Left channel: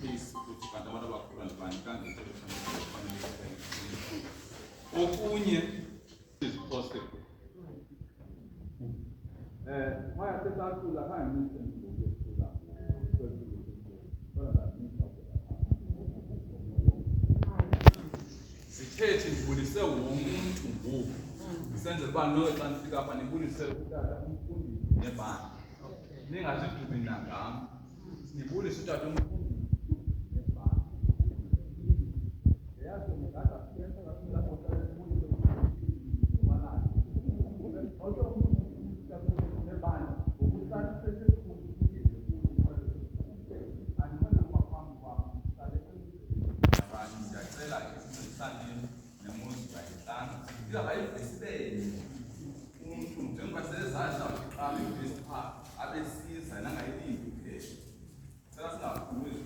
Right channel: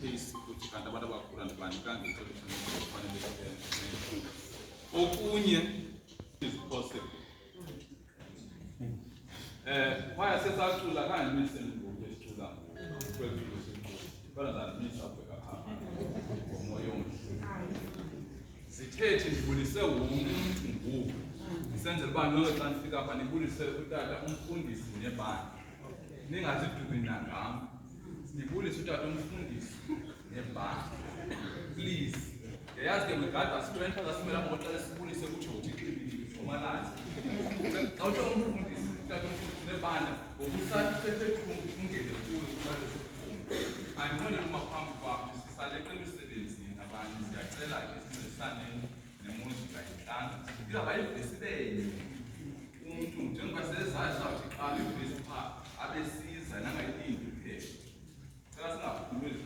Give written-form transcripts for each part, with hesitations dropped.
case ukuthi kanti abantu abakhula nabani kangeke kufanele okunye is possible why sesacula kanje misendulo esicula ngokwethulo sesicula kodwa zamisa bheka khapha ngomoya omhle sithethe ngibulise umuntu ngoku senzele uba noxa nifika apha nibulisele kutata umfundisi nebandla ningazidubi nangam nibulise utata umfundisi nebandla please yazi ke wegada strength asimela ngoxela sibulise ukuthi ngomalazi xa uthi umfundisi utata umfundisi nebandla ngokusathi sethe ungene kuyo andibone uma phambi kwakho sisaleqela umsebenzi nabantu siyacela ke sincedisane nemuzika yenhlanga abayibhesibele umuntu njengoba sezazi aqala ibhesi pha abesiza nangayilindi phela sika singakhulumi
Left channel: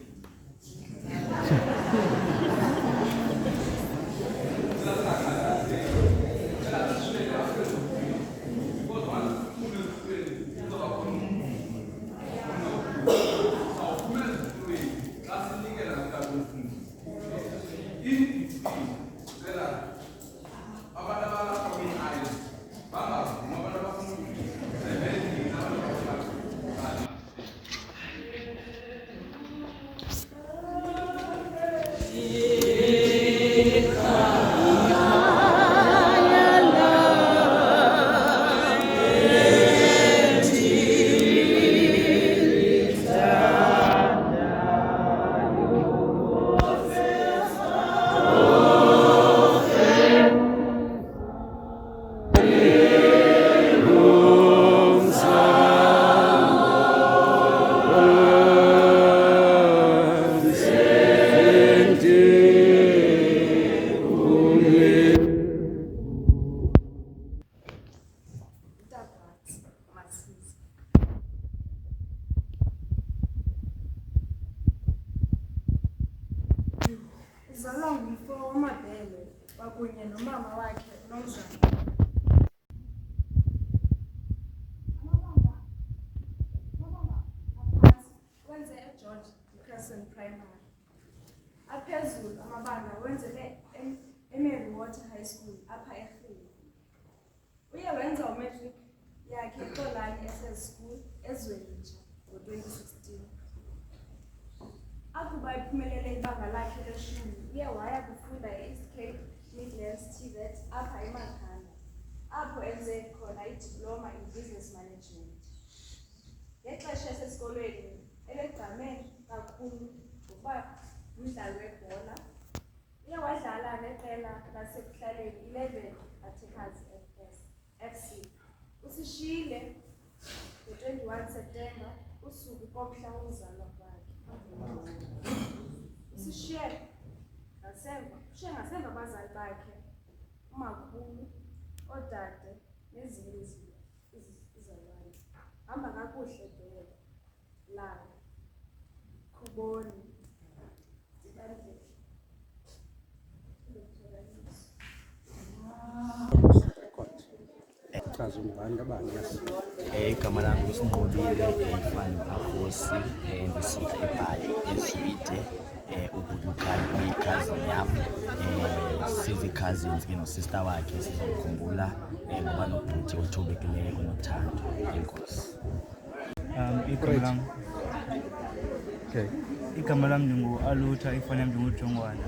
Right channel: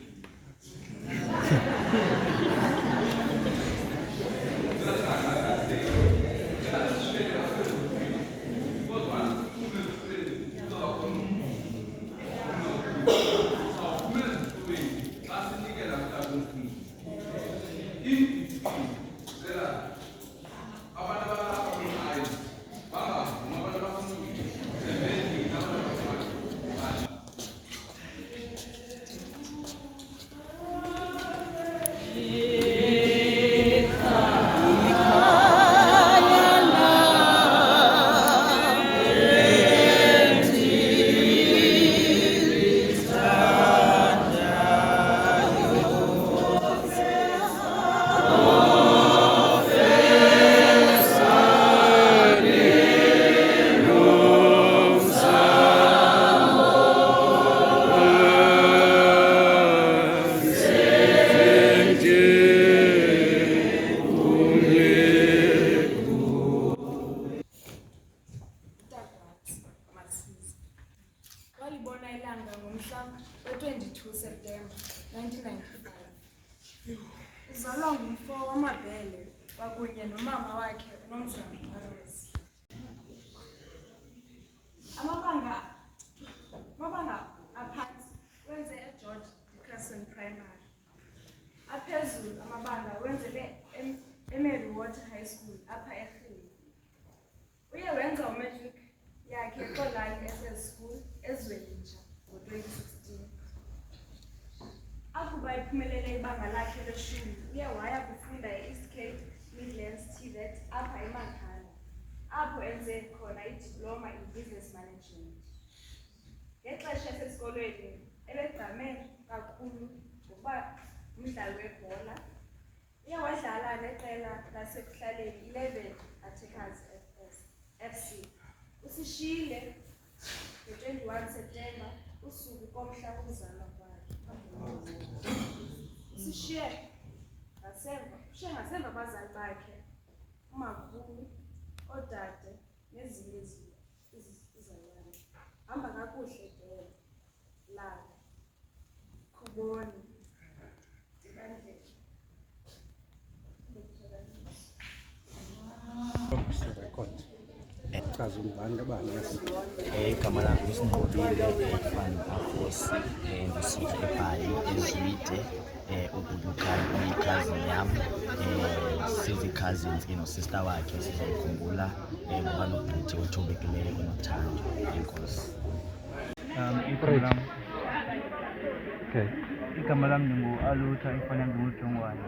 aphezulu amabanga wenzele eMary Water High School apha eRhini. Uye wenza umatric yakhe eXolani SS School eZwelitsha ngo-2016. Akuba iphumelele ibanga lakhe leshumi, uye waya kufunda e-East Cape Midlands TVET apha eMakhanda, apho enze khona idiploma in business management. Ngexesha esesikolweni ebegqame kakhulu ngokuba umdlali webhola. Uye wadlala neqela lasekuhlaleni 11 Attackers FC. Usishiyile nge-21 September usuku komhla wokuzalwa kwakhe. Usishiye ngasemva abazali bakhe, umakhulu, odade nezinye izalwane. Hamba kakuhle Dela, Langa, Khuboni, igama lami nguSinqobile ifani Afosi ndisuka eBhayi eZwide uBudukhani uyi-cousin yami sizi-cousins sister wakhe sizamkhumbula ngoba nobhuti othobekileyo onothando. Enkosi. Igama lami ngingu-Alutha ifani yami ngingujongwane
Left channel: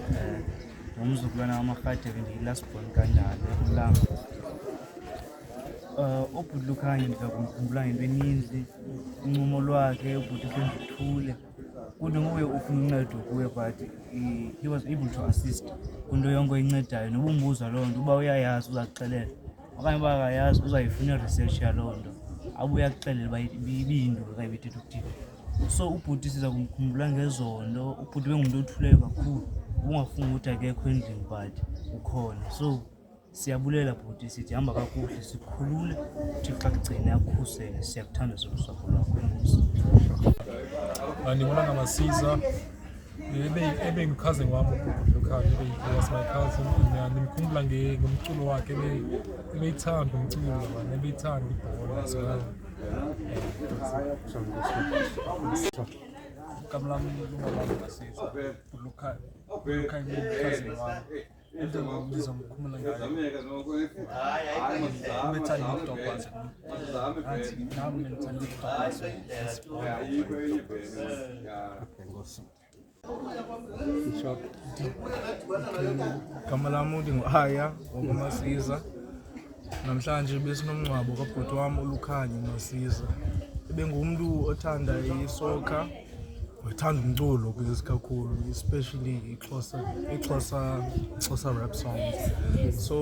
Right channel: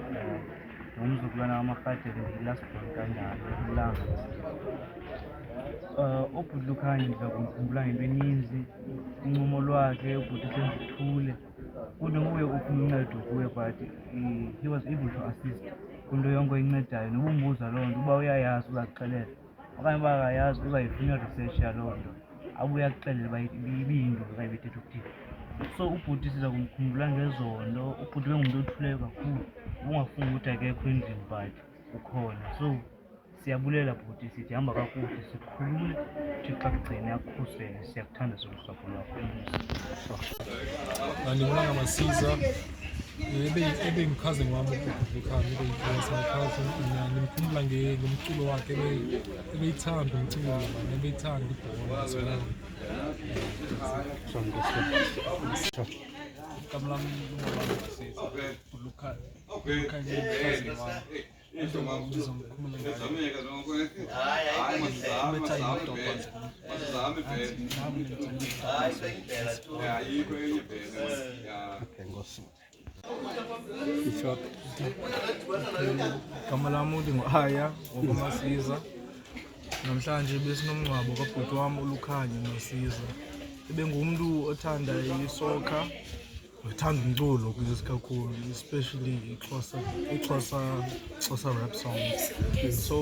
ngumzukulwana wamaRhadebe ndiyi-last-born kanjalo Langa. uBudukhani ndiza kumkhumbula ngento eninzi, uncumo lwakhe, ubhuti uhloniphe kunto nguye ufuna uncedo kuwe, but he was able to assist kwinto yonke oyincedayo. Noba umbuza loo nto, uba uyayazi uzakuxelela, okanye uba akayazi uzayifuna research yaloo nto abuye akuxelele uba ibiyinto okanye ibithetha ukuthini. So ubhuti siza kumkhumbula ngezondo. Ubhuti bengumntu othuleyo kakhulu, ubungafunga ukuthi akekho endlini but ukhona. So siyabulela bhuti, sithi hamba kakuhle, sikhulule, uThixo akugcine akukhusele, siyakuthanda usapho lwakho. Ndibona ngamasiza ebengicousin wami uBudukhani, was my cousin. Ndimkhumbula ngomculo wakhe, ebeyithanda umculo manje, ebeyithanda ibhola as well. igama lami lungabamba Masisa. Lukhanya cousin wami. Into ngizomkhumula ngayo. Ubethanda ukudobhaza. Athi nami ngithanda ukudobhaza. Igama lami lingu-Aya wakwaMasiza. Namhlanje besinomngcwabo kabhuti wami uLukhanya Masiza. Ebengumuntu othanda isoccer, othanda umculo kakhulu, especially iXhosa rap songs. So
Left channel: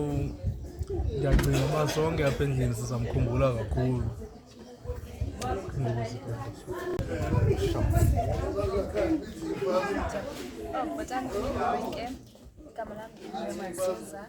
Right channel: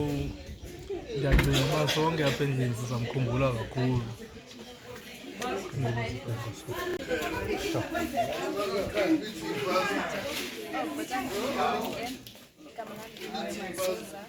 ngiyacinga uba sonke apha endlini sizamkhumbula kakhulu. Igama lami Masiza.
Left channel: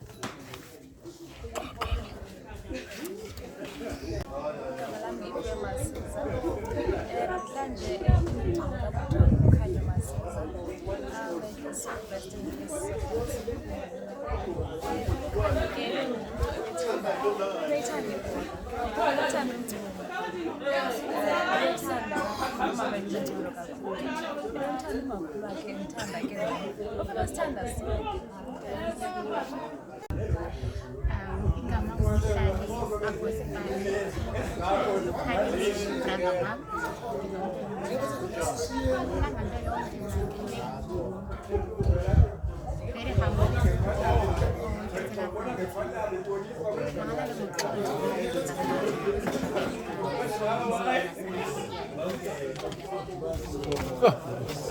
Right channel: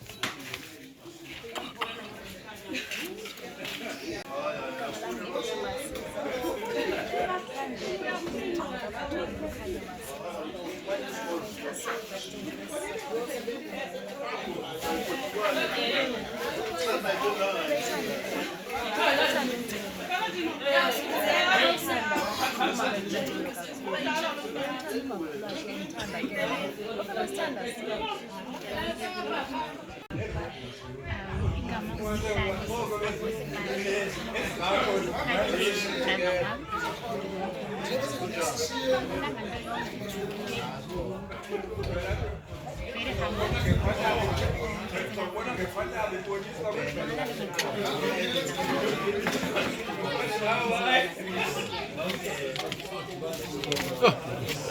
Igama uMhlali Agosipane. Lukhanya brother wami. Nangento yonke very humble.